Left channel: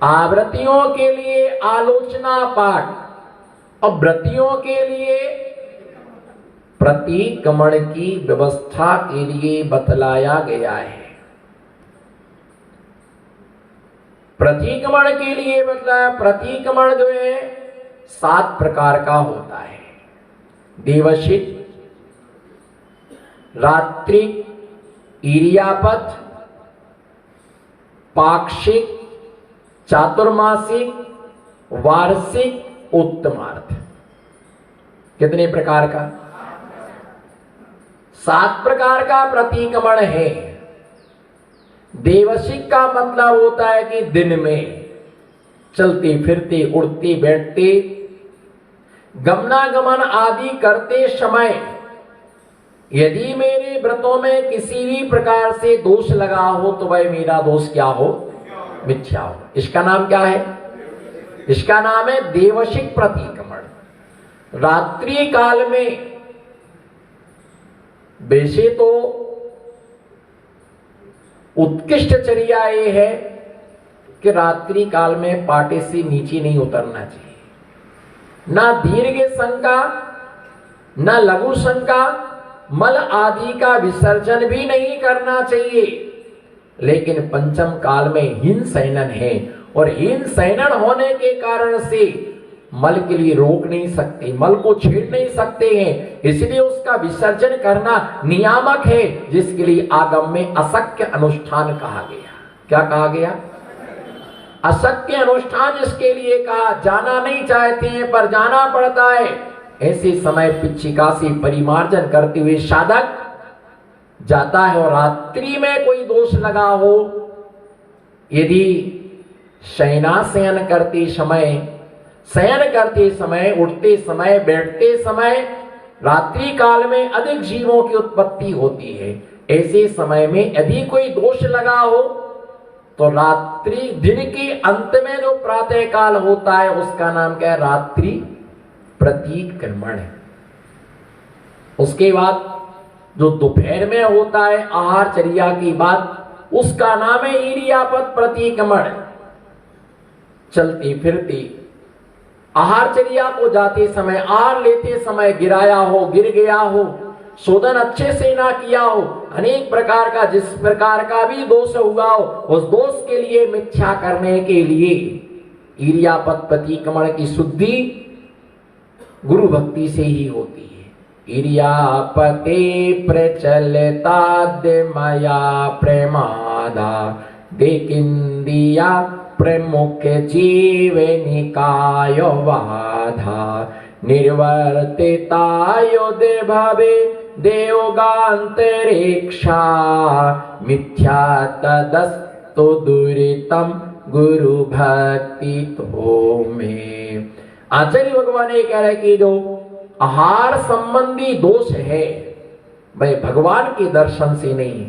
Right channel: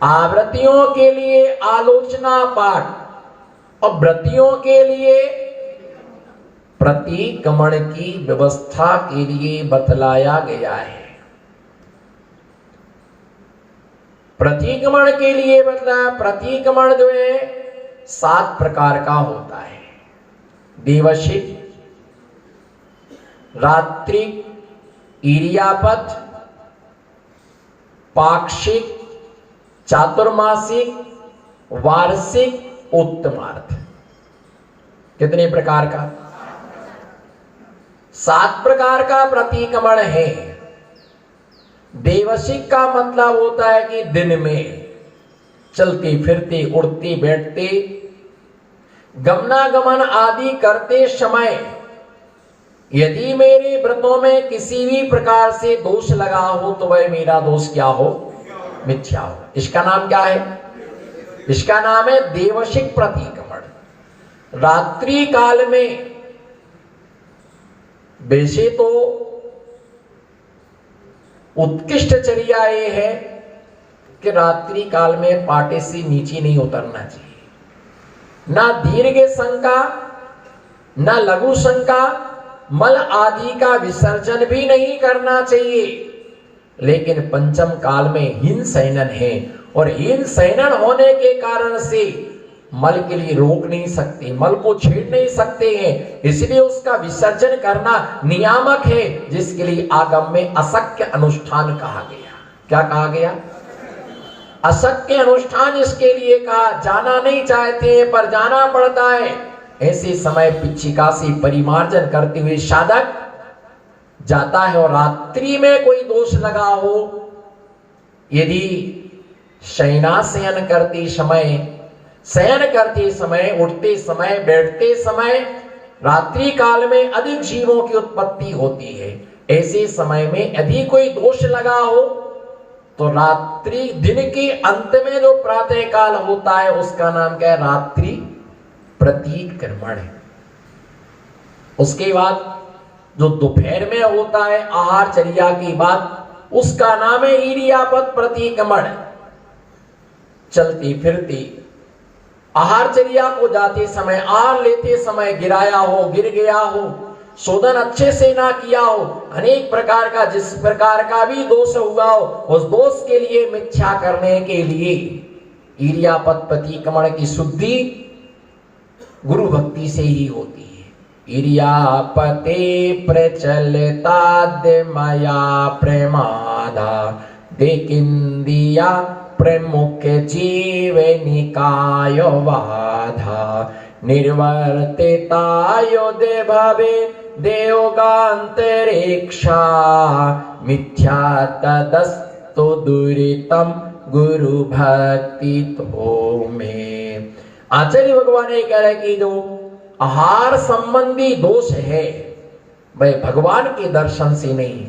आवृत्तियों के लिए आलोचना पाठ और व्रतियों के लिए प्रतिक्रमण की व्यवस्था के लिए बतलाया गया है। प्रतिक्रमण के लिए मतलब प्रतिक्रमण जो है 7 प्रकार का होता है। देवशिक, रात्रिक, ईर्यापथ, पाक्षिक, चातुर्मासिक, वार्षिक, उत्तमार्थ। कितने प्रकार का? 7 प्रकार का प्रतिक्रमण है। देवशिक का मतलब होता है कि दिन में चलते फिरते, उड़ते बैठते, गमनागमन आदि करते समय यदि मेरे व्रतों में किसी भी प्रकार से दोष लगा हो तो वह मेरा दोष क्या हो? मिथ्या हो। इसका नाम क्या है? इसका नाम है देवशिक प्रतिक्रमण। रात्रि काल में वैसे तो उत्कृष्ट चर्या ये है कि रात्रि काल में पाटे से नीचे नहीं उतरना चाहिए। ना दीर्घ शंका, ना लघु शंका, मल आदि का विसर्जन भी नहीं करना चाहिए। लेकिन पंचम काल में हीन शयनन है और हीन शयनन होने के कारण से मल के लिए रोक नहीं सकते, मल को छेड़ नहीं सकते हैं, इसलिए उसका विसर्जन करना नियामक है, जिसके लिए आगम में अशक्य अनुष्ठान कहा गया। क्या कहा गया? अशक्य अनुष्ठान इसके लिए कहा। जाना नहीं चाहते हैं पर जाना पड़ता है। ऐसे समय पिच्छिका से परिमार्जन करते हुए साधक जाता है। और रात्रि में कोई दोष लगा हो, यदि शयनाशयन करते समय, शयन करते समय, उठते समय, बैठते समय, रात्रि काल में अधिक जीवों की उत्पत्ति होती है। ऐसे समय में यदि कोई दोष लगा हो तो रात्रि, दिन के अंत में जो प्रातः काल होता है उसका नाम क्या है? रात्रि प्रतिक्रमण है। उसके बाद जो दोपहर में होता है आहार चर्या की बात, उसका नाम है ईर्यापथ प्रतिक्रमण। चलते फिरते आहार चर्या को जाते समय, आहार लेते समय गिराया हो, गिर गया हो, शोधन अच्छे से ना किया हो, अनेक प्रकार का जिस प्रकार का भी दोष हुआ हो, उस दोष के लिए मिथ्या करने के लिए ईर्यापथ प्रतिक्रमण की शुद्धि गुरु भक्ति से ही होती है। ईर्यापते प्रचलिताद्य मया प्रमादा देकिंदिया प्रमुख जीव निकाय बाधा निर्वर्तितायो दे भावे देवगांतरिक्षा मिथ्या तदस्तु दुरितम गुरु भक्ति तो में। आचार्य भगवान ये कह रहे कि जो आहार संबंधी दोष है वह भगवान के दर्शन से नहीं,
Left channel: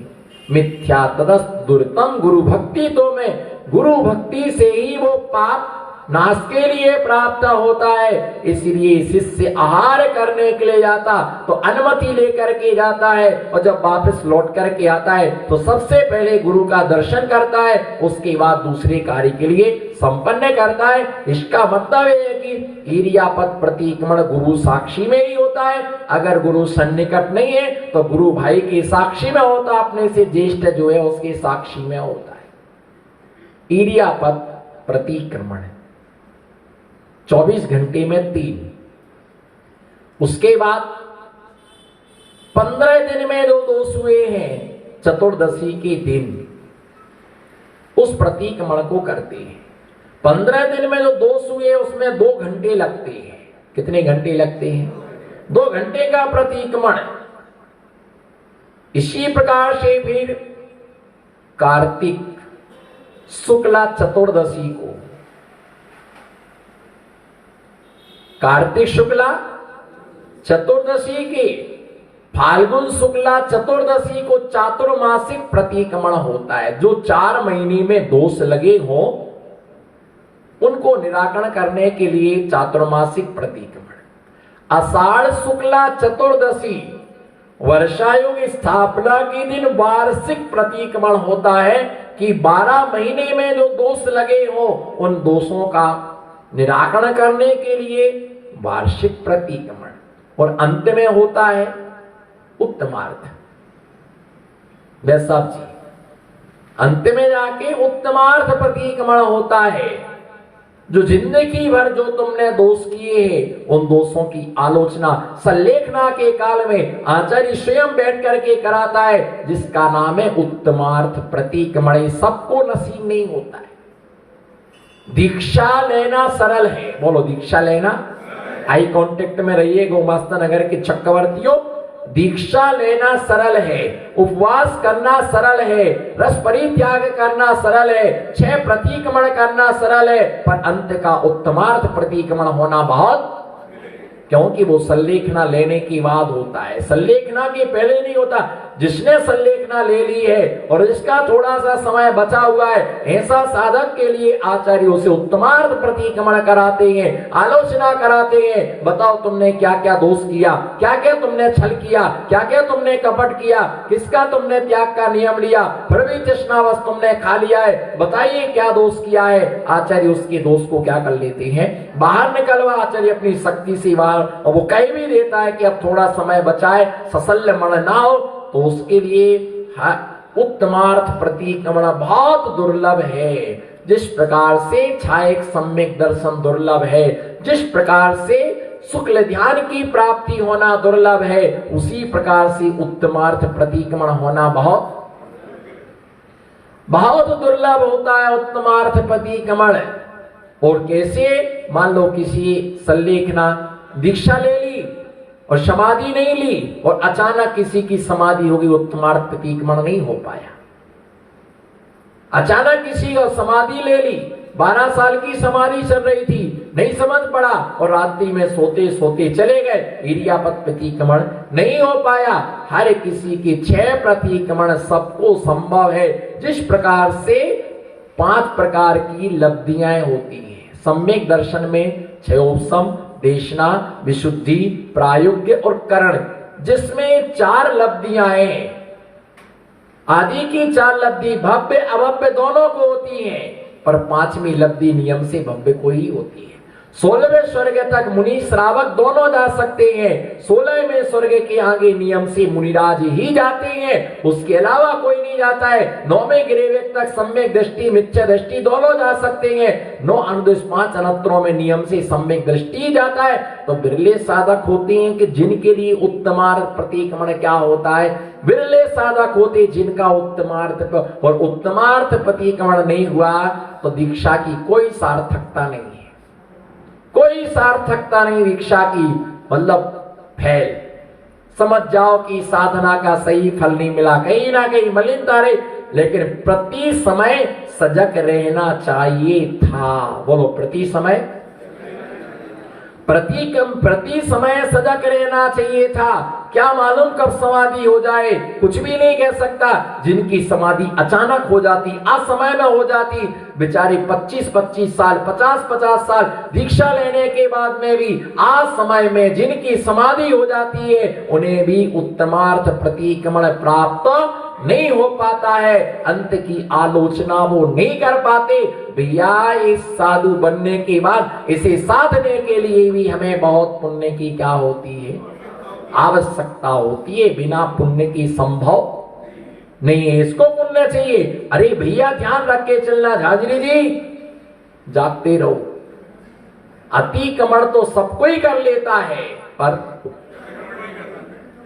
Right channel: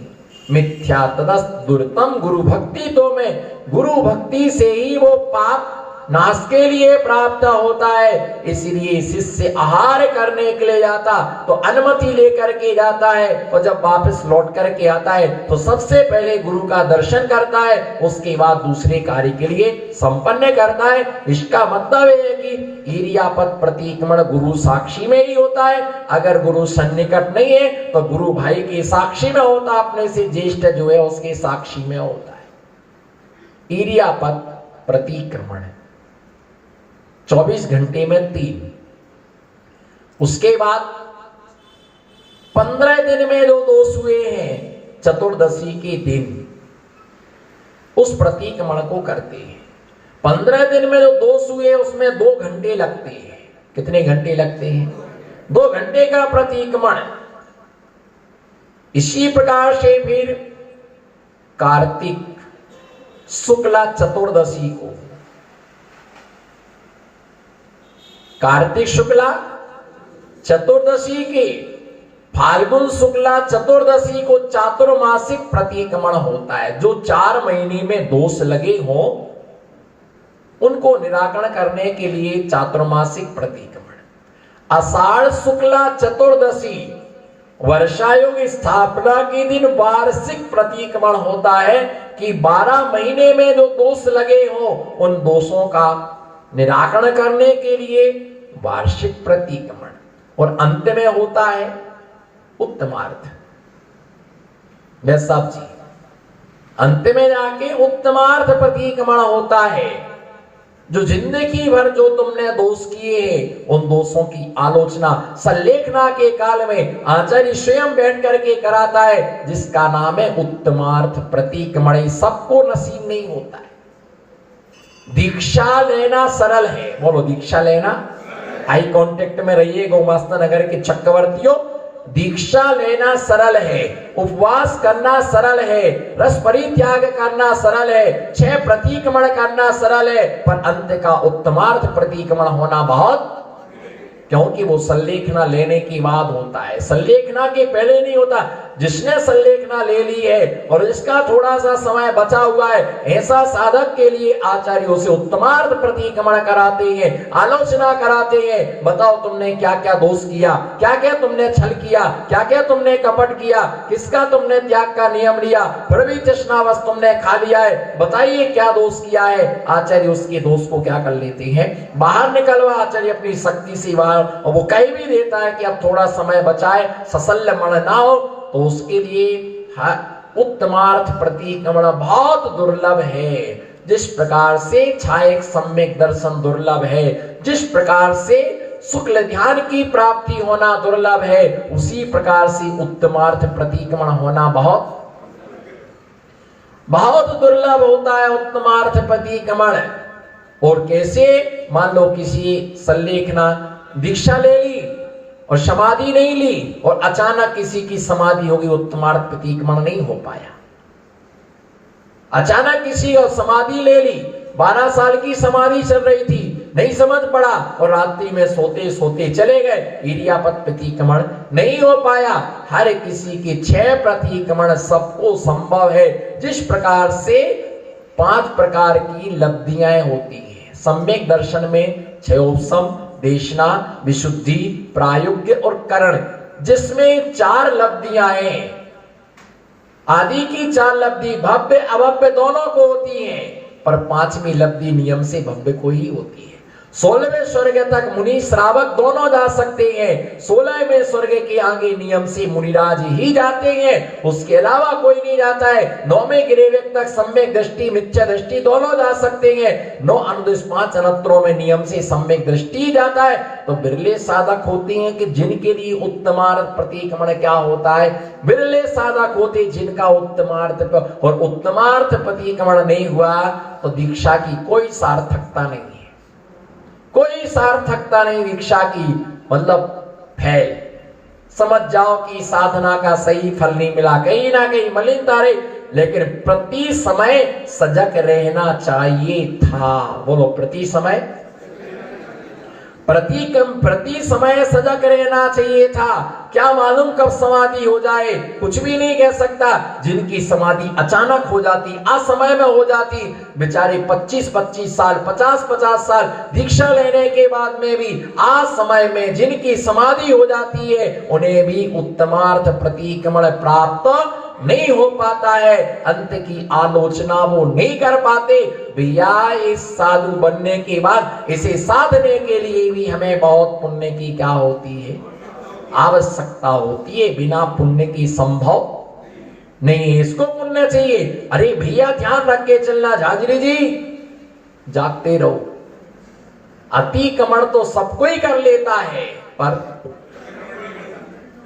मिथ्या तदस्त दुर्तम गुरु भक्ति तो में, गुरु भक्ति से ही वो पाप नाश के लिए प्राप्त होता है। इसलिए शिष्य आहार करने के लिए जाता तो अनुमति लेकर के जाता है, और जब वापस लौट करके आता है तो सबसे पहले गुरु का दर्शन करता है, उसके बाद दूसरे कार्य के लिए संपन्न करता है। इसका मतलब है कि ईर्यापथ प्रतिक्रमण गुरु साक्षी में ही होता है। अगर गुरु सन्निकट नहीं है तो गुरु भाई के साक्षी में होता, अपने से ज्येष्ठ जो है उसके साक्षी में होता है। ईर्यापथ प्रतिक्रमण 24 घंटे में 3। उसके बाद 15 दिन में जो दोष हुए हैं चतुर्दशी के दिन उस प्रतिक्रमण को करते हैं। 15 दिन में जो दोष हुए उसमें 2 घंटे लगते हैं। कितने घंटे लगते हैं? 2 घंटे का प्रतिक्रमण। इसी प्रकार से फिर कार्तिक शुक्ला चतुर्दशी को, कार्तिक शुक्ला चतुर्दशी की, फाल्गुन शुक्ला चतुर्दशी को चातुर्मासिक प्रतिक्रमण होता है। जो 4 महीने में दोष लगे हों उनको निराकरण करने के लिए चातुर्मासिक प्रतिक्रमण। आषाढ़ शुक्ला चतुर्दशी वर्षायोग स्थापना के दिन वार्षिक प्रतिक्रमण होता है कि 12 महीने में जो दोष लगे हो उन दोषों का निराकरण करने के लिए वार्षिक प्रतिक्रमण। और अंत में होता है उत्तमार्थ। साहब जी, अंत में जाके उत्तमार्थ प्रतिक्रमण होता है। जो जिंदगी भर जो तुमने दोष किए हैं उन दोषों की आलोचना संलेखना के काल में आचार्य स्वयं बैठ करके कराता है, जिसका नाम है उत्तमार्थ प्रतिक्रमण। सबको नसीब नहीं होता है। दीक्षा लेना सरल है, बोलो दीक्षा लेना। आई कांटेक्ट में रहिए गोमास्ता नगर के चक्रवर्तियों। दीक्षा लेना सरल है, उपवास करना सरल है, रस परित्याग करना सरल है, 6 प्रतिक्रमण करना सरल है, पर अंत का उत्तमार्थ प्रतिक्रमण होना बहुत, क्योंकि वो संलेखना लेने की बाद होता है, संलेखना के पहले नहीं होता। जिसने संलेखना ले ली है और इसका थोड़ा सा समय बचा हुआ है, ऐसा साधक के लिए आचार्यों से उत्तमार्थ प्रतिक्रमण कराते हैं, आलोचना कराते हैं। बताओ तुमने क्या क्या दोष किया, क्या क्या तुमने छल किया, क्या क्या तुमने कपट किया, किसका तुमने त्याग का नियम लिया, फिर भी तृष्णावश तुमने खा लिया है। बताइए क्या दोष किया है। आचार्य उसके दोष को क्या कर लेते हैं, बाहर निकलवा आचार्य अपनी शक्ति से बाहर, और वो कह भी देता है कि अब थोड़ा समय बचाए, सशल्य मन ना हो, तो उसके लिए उत्तमार्थ प्रतिक्रमण बहुत दुर्लभ है। जिस प्रकार से छायक सम्यक दर्शन दुर्लभ है, जिस प्रकार से शुक्ल ध्यान की प्राप्ति होना दुर्लभ है, उसी प्रकार से उत्तमार्थ प्रतिक्रमण होना बहुत बहुत दुर्लभ होता है उत्तमार्थ प्रतिक्रमण। और कैसे, मान लो किसी संलेखना दीक्षा ले ली और समाधि नहीं ली और अचानक किसी की समाधि होगी, उत्तमार्थ प्रतिक्रमण नहीं हो पाया। अचानक किसी और समाधि ले ली, 12 साल की समाधि चल रही थी, नहीं समझ पड़ा और रात्रि में सोते सोते चले गए, इरियापत प्रतिक्रमण नहीं हो पाया। हर किसी के 6 प्रतिक्रमण सबको संभव है। जिस प्रकार से 5 प्रकार की लब्धियां होती हैं सम्यक दर्शन में, क्षयोपशम, देशना, विशुद्धि, प्रायोग्य और करण, जिसमें 4 लब्धियां हैं। आदि की 4 लब्धि भव्य अभव्य दोनों को होती हैं, पर 5वीं लब्धि नियम से भव्य को ही होती है। 16वें स्वर्ग तक मुनि श्रावक दोनों जा सकते हैं, 16वें स्वर्ग के आगे नियम से मुनिराज ही जाते हैं, उसके अलावा कोई नहीं जाता है। 9वें गिरेवेक तक सम्यक दृष्टि मिथ्या दृष्टि दोनों जा सकते हैं। 9 अनुदेश 5 अनंतरों में नियम से सम्यक दृष्टि जाता है। तो बिरले साधक होते हैं कि जिनके लिए उत्तमार्थ प्रतिक्रमण क्या होता है, बिरले साधक होते जिनका उत्तमार्थ, और उत्तमार्थ प्रतिक्रमण नहीं हुआ तो दीक्षा की कोई सार्थकता नहीं है, कोई सार्थकता नहीं दीक्षा की, मतलब फैल। समझ जाओ कि साधना का सही फल नहीं मिला, कहीं ना कहीं मलिनता रही, लेकिन प्रति समय सजग रहना चाहिए था। बोलो प्रति समय, प्रति समय सजग रहना चाहिए था। क्या मालूम कब समाधि हो जाए, कुछ भी नहीं कह सकता। जिनकी समाधि अचानक हो जाती, असमय में हो जाती, बेचारे 25-25 साल 50-50 साल दीक्षा लेने के बाद में भी असमय में जिनकी समाधि हो जाती है, उन्हें भी उत्तमार्थ प्रतिक्रमण प्राप्त नहीं हो पाता है। अंत की आलोचना वो नहीं कर पाते। भैया इस साधु बनने के बाद इसे साधने के लिए भी हमें बहुत पुण्य की क्या होती है, आवश्यकता होती है। बिना पुण्य की संभव नहीं है, इसको पुण्य चाहिए। अरे भैया ध्यान रख के चलना, झांझरी जी जागते रहो। अतिक्रमण तो सब कोई कर लेता है, पर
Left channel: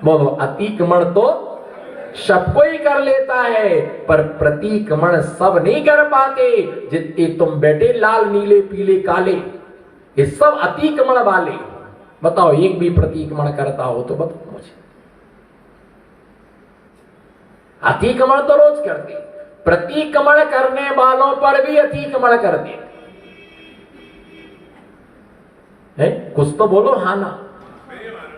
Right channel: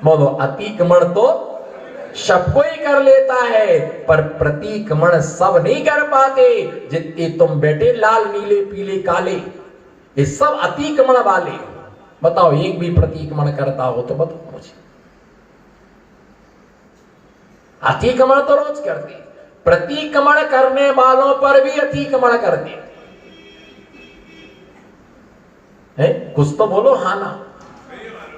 बोलो अतिक्रमण तो सब कोई कर लेता है, पर प्रतिक्रमण सब नहीं कर पाते। जितने तुम बैठे लाल नीले पीले काले, ये सब अतिक्रमण वाले। बताओ एक भी प्रतिक्रमण करता हो तो बताओ मुझे। अतिक्रमण तो रोज करते, प्रतिक्रमण करने वालों पर भी अतिक्रमण करते हैं। कुछ तो बोलो हाँ ना।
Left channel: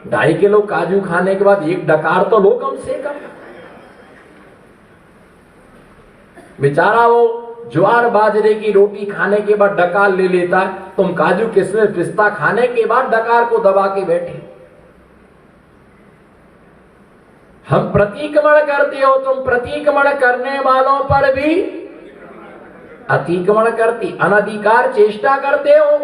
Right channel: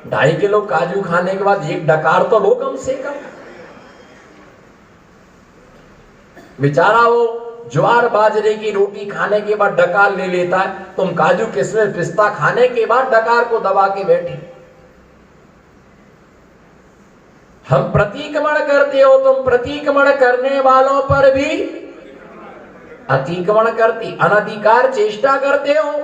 2.5 किलो काजू खाने के बाद एक डकार तो लो कम से कम। बेचारा वो ज्वार बाजरे की रोटी खाने के बाद डकार ले लेता है, तुम काजू किशमिश पिस्ता खाने के बाद डकार को दबा के बैठे। हम प्रतिक्रमण करते हो, तुम प्रतिक्रमण करने वालों पर भी अतिक्रमण करती, अनधिकार चेष्टा करते हो।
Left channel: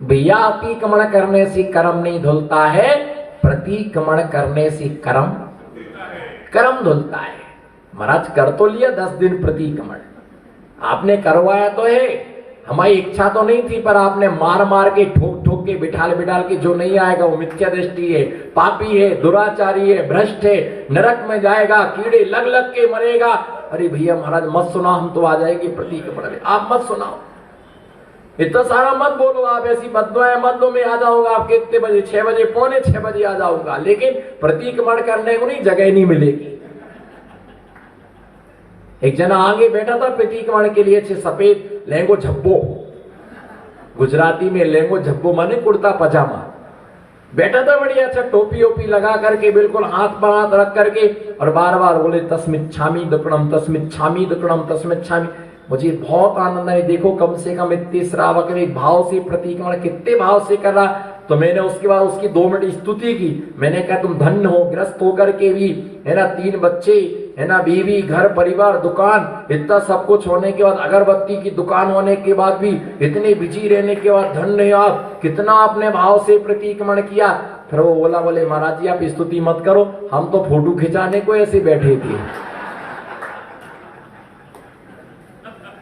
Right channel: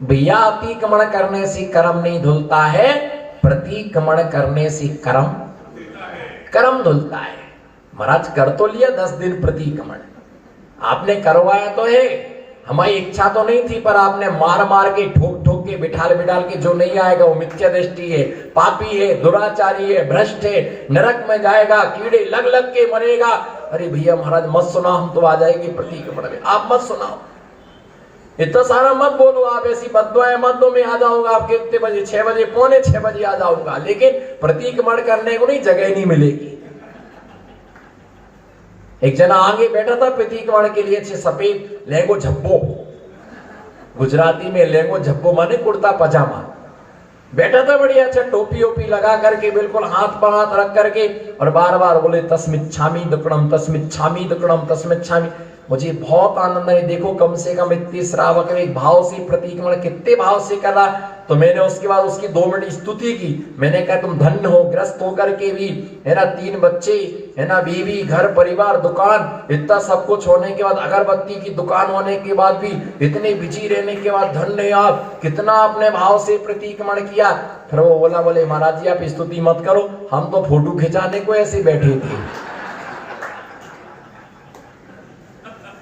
भैया अतिक्रमण करने से कर्म नहीं धुलता है, प्रतिक्रमण करने से कर्म धुलता है। महाराज कर तो लिया 10 दिन प्रतिक्रमण, आपने करवाया तो है, हमारी इच्छा तो नहीं थी, पर आपने मार मार के ठोक ठोक के बिठाल बिठाल के, जो नहीं आएगा वो मिथ्या दृष्टि है, पापी है, दुराचारी है, भ्रष्ट है, नरक में जाएगा, कीड़े लग लग के मरेगा। अरे भैया महाराज मत सुना, हम तो आ जाएगी प्रतिक्रमण, आप मत सुनाओ, इतना सारा मत बोलो, आप ऐसी बददुआएं मत दो, मैं आ जाऊंगा आपके इतने बजे, 6 बजे, पौने 6 बजे आ जाऊंगा, लेकिन प्रतिक्रमण करने को नहीं, जगह नहीं मिलेगी। एक जना आगे बैठा था प्रतिक्रमण के लिए, अच्छे सफेद लहंगो झब्बो, गुजराती में लहंगो झब्बो माने कुर्ता पजामा, बैठा था बढ़िया, अच्छा टोपी ओपी लगा करके, बिल्कुल हाथ पर हाथ रख करके, और बार बार बोले तस्मिच्छामि दुक्कडम, तस्मिच्छामि दुक्कडम, तस्मिच्छामि। मुझे बहुत आनंद है, देखो कम से कम इतने श्रावक एक भाव से प्रतिक्रमण कितने भाव से कर रहा। तो मैंने उसके बाद उसकी 2 मिनट स्तुति की, मैंने कहा तुम धन्य हो, ग्रस्त होकर के भी, है ना, 3 बच्चे, है ना, बीवी, घर परिवार, दुकान, इतना सब कुछ होने के बाद, अगरबत्ती की दुकान होने के बाद भी, इतने बिजी रहने के बाद, धन्य आप, कितना आपने भाव से प्रतिक्रमण किया। फिर वो बोला, बोले महाराज जी आप स्तुति मत करो, हम तो फोटो खिंचाने को ऐसे बैठे थे,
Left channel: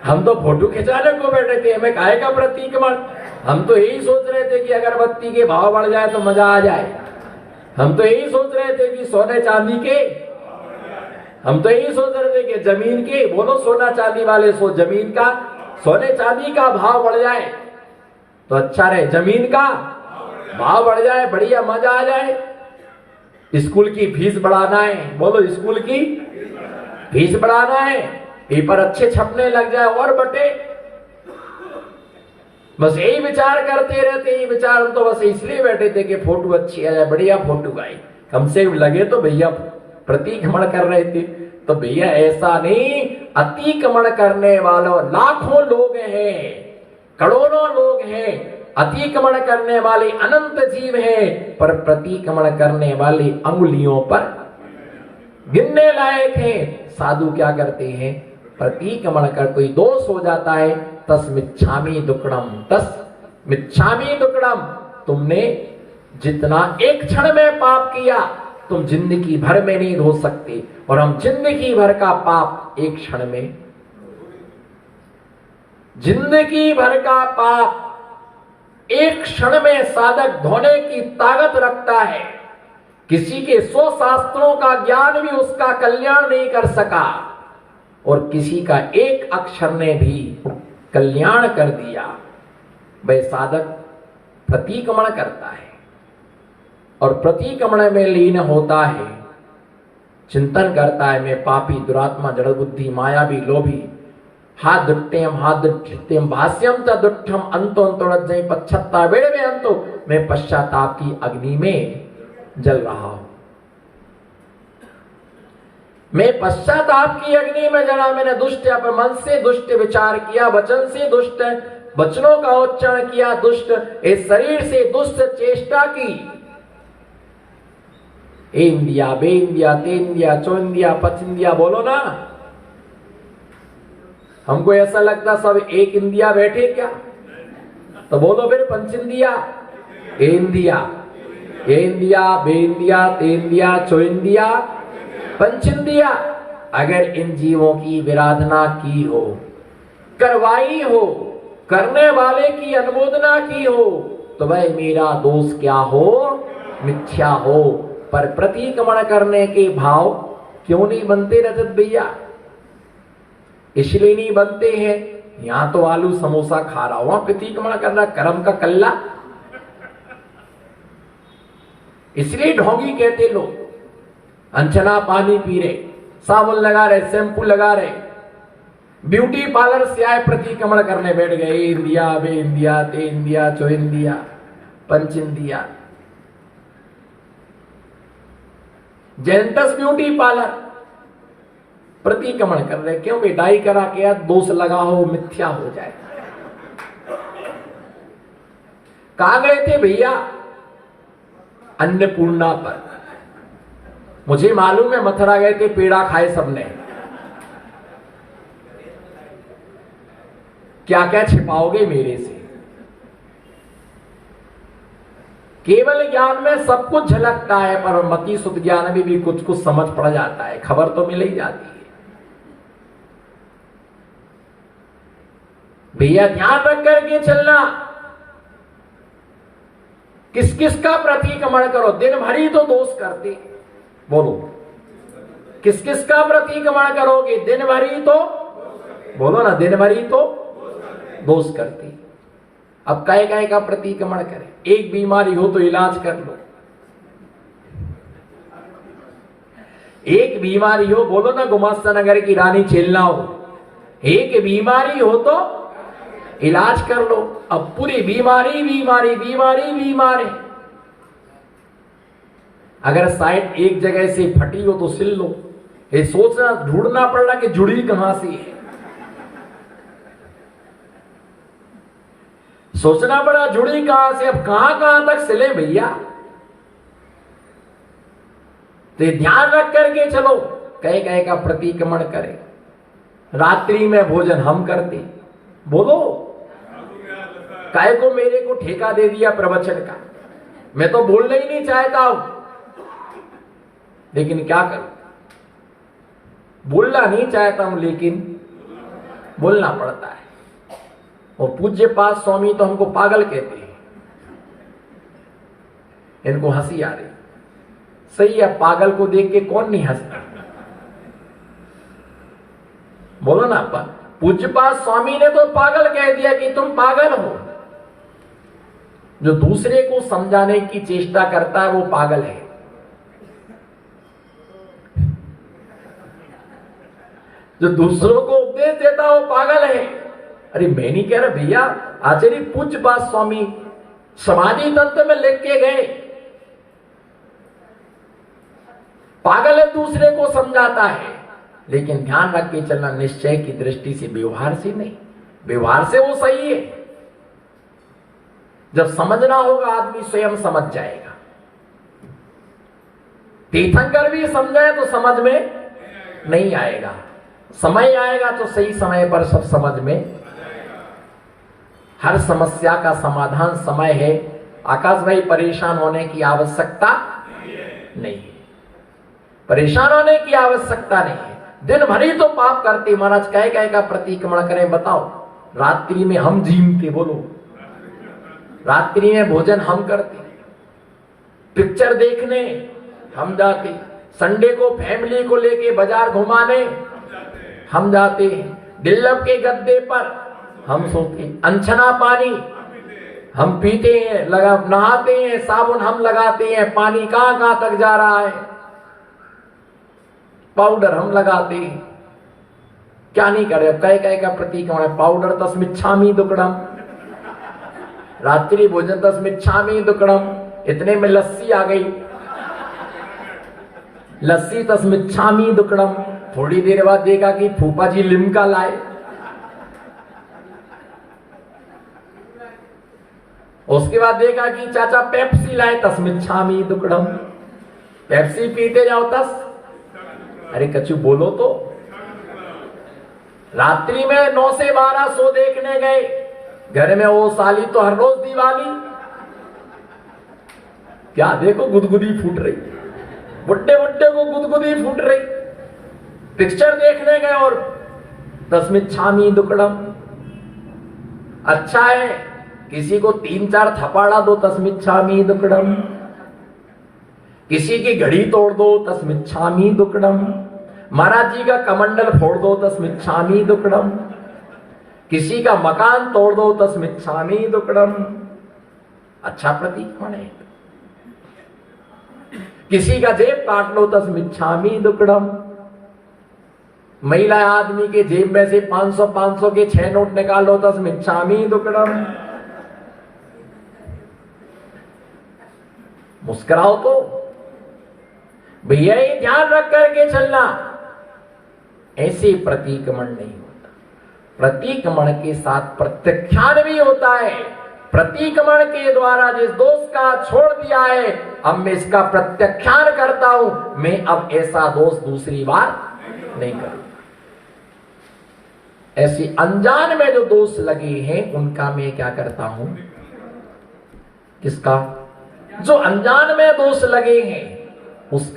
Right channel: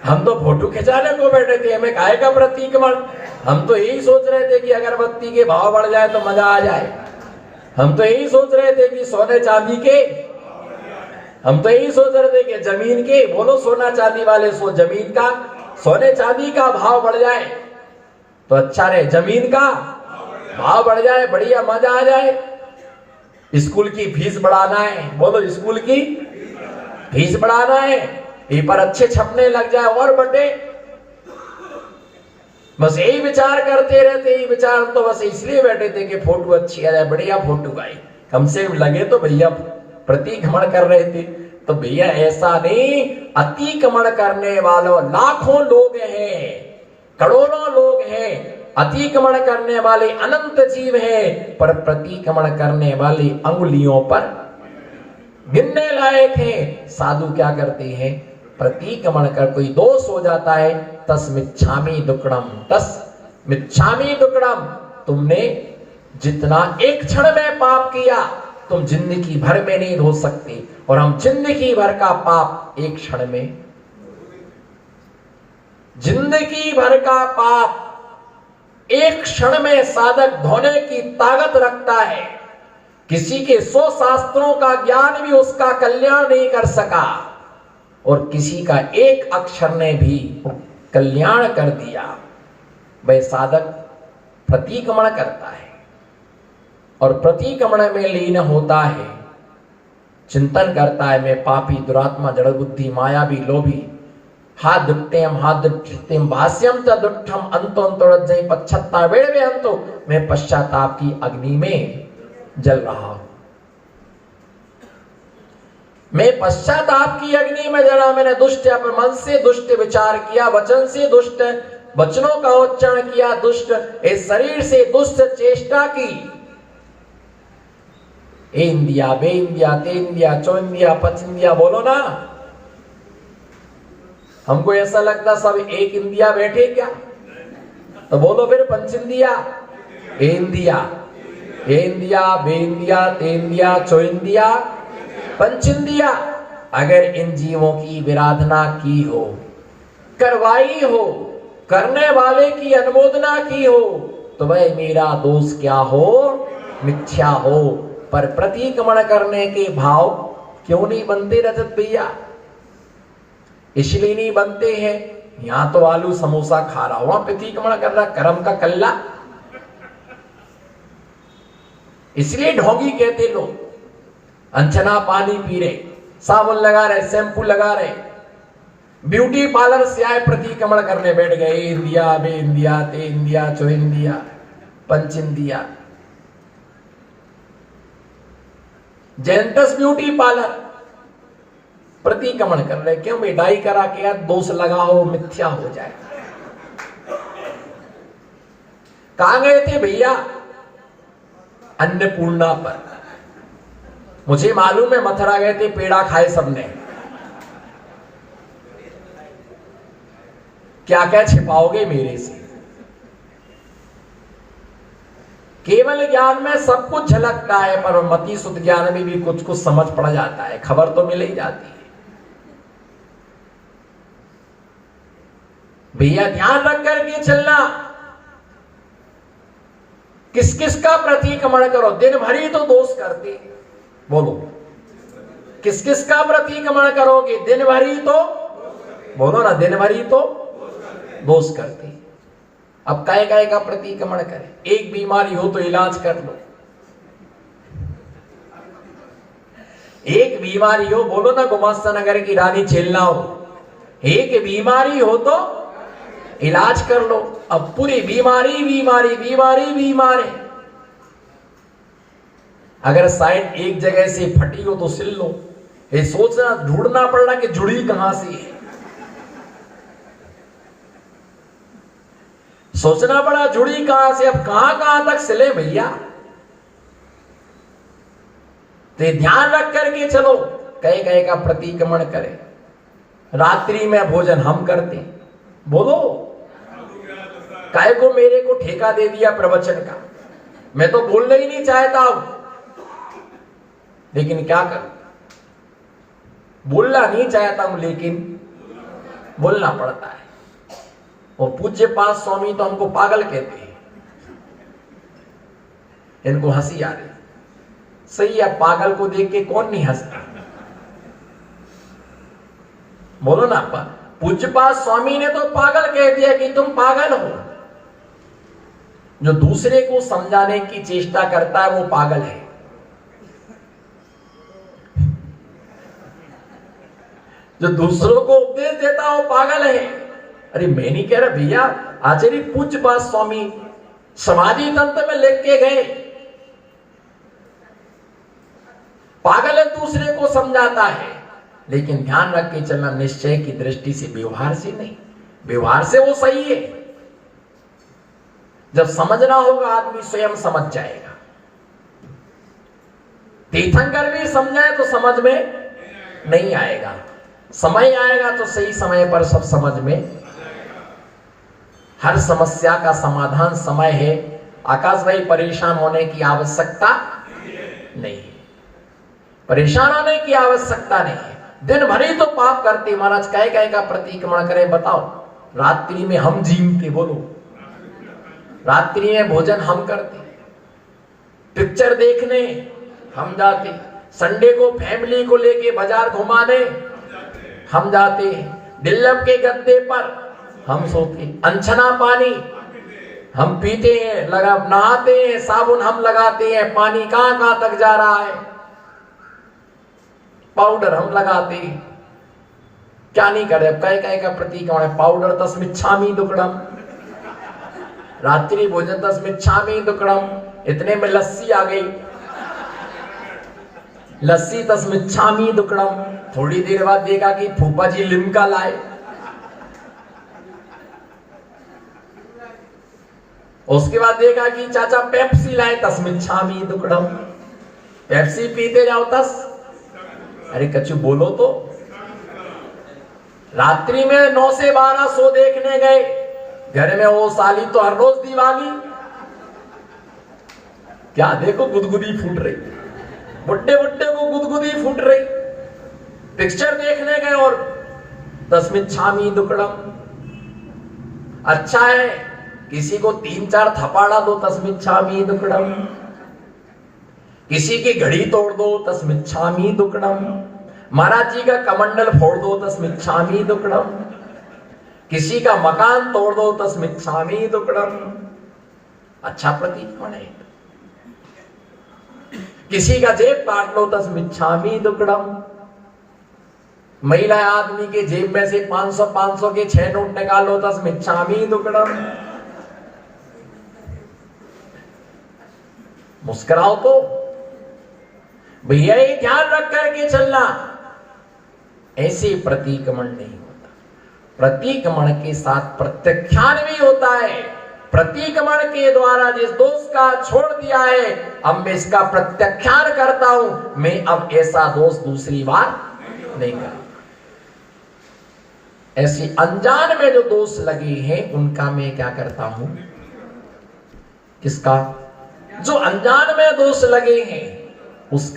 हम तो फोटो खिंचाने को बैठे थे, हमें काहे का प्रतिक्रमण। हम तो यही सोच रहे थे कि अगरबत्ती के भाव बढ़ जाए तो मजा आ जाए, हम तो यही सोच रहे थे कि सोने चांदी के, हम तो यही सोच रहे थे कि जमीन के, बोलो सोना चांदी वाले, सो जमीन का, सोने चांदी का भाव बढ़ जाए तो अच्छा रहे, जमीन का भाव बढ़ जाए, बढ़िया मजा आ जाए। स्कूल की फीस बढ़ाना है, बोलो स्कूल की फीस बढ़ाना है, पेपर अच्छे छपने लग जाए और बटे, बस यही विचार करते रहते, यही विचार। हम तो बस इसलिए बैठे थे कि फोटो अच्छी आ जाए, बढ़िया फोटो आई, कम से लगे तो भैया प्रतिक्रमण कर रहे थे। तो भैया ऐसा नहीं, अतिक्रमण करने वालों लाखों लोग हैं, करोड़ों लोग हैं, अतिक्रमण करने वाले अनंत जीव हैं, पर प्रतिक्रमण करने वाले अंगुलियों पर गिनने लायक हैं। साधु क्या करते हैं, प्रतिक्रमण कर कोई दोष हो जाता है, तस्मिच्छामि दुक्कडम, तस्मिच्छामि दुक्कडम, तुमने जितना एक क्षण में पाप किया तुम जिंदगी भर में नहीं धो सकते, और हम जिंदगी भर का पाप एक क्षण में, जिंदगी भर का पाप एक क्षण में साधक धोने की ताकत रखता है। किसी के 100 शास्त्रों का ज्ञान भी उसका कल्याण नहीं कर सका, और किसी का एक अक्षर ने भी कल्याण कर दिया। वह साधक प्रतिक्रमण करता है और प्रतिक्रमण में लीन होता है, चिंतन करता है, मैं पापी, दुरात्मा, जड़ बुद्धि, मायावी, लोभी, हाथ दुट्टेम भाष्यम तदुट्ठम अंतो अंतोरज्जय पश्चात्ता वेड़वे अंतो, मैं पश्चाताप की अग्नि में जल रहा हूं, मैं पश्चाताप की अग्नि में जला। मैंने दुष्ट मन से दुष्ट विचार किया, वचन से दुष्ट वचनों का उच्चारण किया, दुष्ट इस शरीर से दुष्ट चेष्टा की, इंदिया, बेंदिया, तेंदिया, चौंदिया, पचिंदिया, बोलो ना। हमको ऐसा लगता सब एक इंदिया बैठे क्या, तो बोलो फिर पंचिंदिया, इंदिया, इंदिया, बेंदिया, तेंदिया, चौंदिया, पंचिंदिया। अगर इन जीवों की विराधना की हो, करवाई हो, करने वाले की अनुमोदना की हो, तो वह मेरा दोष क्या हो, मिथ्या हो। पर प्रतिक्रमण करने के भाव क्यों नहीं बनते रजत भैया? इसलिए नहीं बनते हैं, यहां तो आलू समोसा खा रहा, वहां प्रतिक्रमण कर रहा, कर्म का कल्ला। इसलिए ढोंगी कहते लोग, अंचना पानी पी रहे, साबुन लगा रहे, शैम्पू लगा रहे, ब्यूटी पार्लर से आए प्रतिक्रमण करने बैठ गए, इंदिया, बे इंदिया, ते इंदिया, चो इंदिया, पंच इंदिया। जेंटस ब्यूटी पार्लर प्रतिक्रमण कर रहे, क्यों भाई? डाई करा के दोष लगाओ, मिथ्या हो जाए। कहां गए थे भैया? अन्नपूर्णा पर। मुझे मालूम है मथुरा गए थे, पेड़ा खाए सबने। क्या क्या छिपाओगे मेरे से? केवल ज्ञान में सब कुछ झलकता है, पर मति शुद्ध ज्ञान में भी कुछ कुछ समझ पड़ जाता है, खबर तो मिल ही जाती है। भैया ध्यान रख करके चलना, किस किस का प्रतिक्रमण करो। दिन भर ही तो दोष करते, बोलो किस किस का प्रतिक्रमण करोगे? दिन भर ही तो, बोलो ना, दिन भर ही तो दोष करते। अब काय काय का प्रतिक्रमण करे? एक बीमारी हो तो इलाज कर लो, एक बीमारी हो, बोलो ना, गुमास्ता नगर की रानी चेलना हो, एक बीमारी हो तो इलाज कर लो। अब पूरी बीमारी बीमारी बीमारी बीमारी, अगर साइड एक जगह से फटी हो तो सिल लो। ये सोचना, ढूंढना पड़ना कि जुड़ी कहां से है, सोचना पड़ा जुड़ी कहां से। अब कहां कहां तक सिले भैया? तो ध्यान रख करके चलो, कहे कहे का प्रतिक्रमण करे। रात्रि में भोजन हम करते, बोलो काय को मेरे को ठेका दे दिया प्रवचन का? मैं तो बोलना ही नहीं चाहता हूं, लेकिन क्या करूं? बोलना नहीं चाहता हूं लेकिन बोलना पड़ता है। और पूज्य पाद स्वामी तो हमको पागल कहते हैं, इनको हंसी आ रही। सही है, पागल को देख के कौन नहीं हंसता? बोलो ना, पूज्य पाद स्वामी ने तो पागल कह दिया कि तुम पागल हो। जो दूसरे को समझाने की चेष्टा करता है वो पागल है। जो दूसरों को उपदेश देता है वो पागल है। अरे मैं नहीं कह रहा भैया, आचार्य पूज्य पाद स्वामी समाधि तंत्र में लिख के गए, पागल है दूसरे को समझाता है, लेकिन ध्यान रख के चलना, निश्चय की दृष्टि से, व्यवहार से नहीं। व्यवहार से वो सही है, जब समझना होगा आदमी स्वयं समझ जाएगा। तीर्थंकर भी समझाए तो समझ में नहीं आएगा, समय आएगा तो सही समय पर सब समझ में। हर समस्या का समाधान समय है। आकाश भाई, परेशान होने की आवश्यकता नहीं है, परेशान होने की आवश्यकता नहीं है। दिन भर ही तो पाप करते महाराज, कहे कहे का प्रतिक्रमण करें? बताओ, रात्रि में हम जीमते, बोलो रात्रि में भोजन हम करते, पिक्चर देखने हम जाते, संडे को फैमिली को लेके बाजार घुमाने हम जाते, डिल्लप के गद्दे पर हम सोते, अनछना पानी हम पीते हैं, नहाते हैं, साबुन हम लगाते हैं, पानी कहां कहां तक जा रहा है, पाउडर हम लगाते हैं। क्या नहीं करे? कहे कहे का प्रतिक्रमण, पाउडर तस्मिच्छामि दुक्कडम, रात्रि भोजन तस्मिच्छामि दुक्कडम। इतने में लस्सी आ गई, लस्सी तस्मिच्छामि दुक्कडम। थोड़ी देर बाद देखा कि फूफा जी लिम्का लाए, उसके बाद देखा कि चाचा पेप्सी लाए, तस्मिच्छामि दुक्कडम। पेप्सी पीते जाओ तस। अरे कच्चू बोलो तो। रात्रि में 9 से 12 शो देखने गए, घर में वो साली तो हर रोज दिवाली। क्या देखो गुदगुदी फूट रही, बुड्ढे बुड्ढे को गुदगुदी फूट रही। पिक्चर देखने गए और तस्मिच्छामि दुक्कडम। अच्छा है, किसी को 3-4 थपाड़ा दो, तस्मिच्छामि दुक्कडम। किसी की घड़ी तोड़ दो, तस्मिच्छामि दुक्कडम। महाराज जी का कमंडल फोड़ दो, तस्मिच्छामि दुक्कडम। किसी का मकान तोड़ दो, तस्मिच्छामि दुक्कडम। अच्छा प्रतिक्रमण है। किसी का जेब काट लो, तस्मिच्छामि दुक्कडम। महिला आदमी के जेब में से 500 के 6 नोट निकालो, तस्मिच्छामि दुक्कडम। मुस्कुराओ तो भैया, ये ध्यान रख करके चलना, ऐसे प्रतिक्रमण नहीं होता। प्रतिक्रमण के साथ प्रत्याख्यान भी होता है। प्रतिक्रमण के द्वारा जिस दोष का छोड़ दिया है, अब मैं इसका प्रत्याख्यान करता हूं, मैं अब ऐसा दोष दूसरी बार नहीं करूं। ऐसी अनजान में जो दोष लगे हैं उनका मैं क्या करता हूं, किसका, जो अनजान में दोष लगे हैं उसका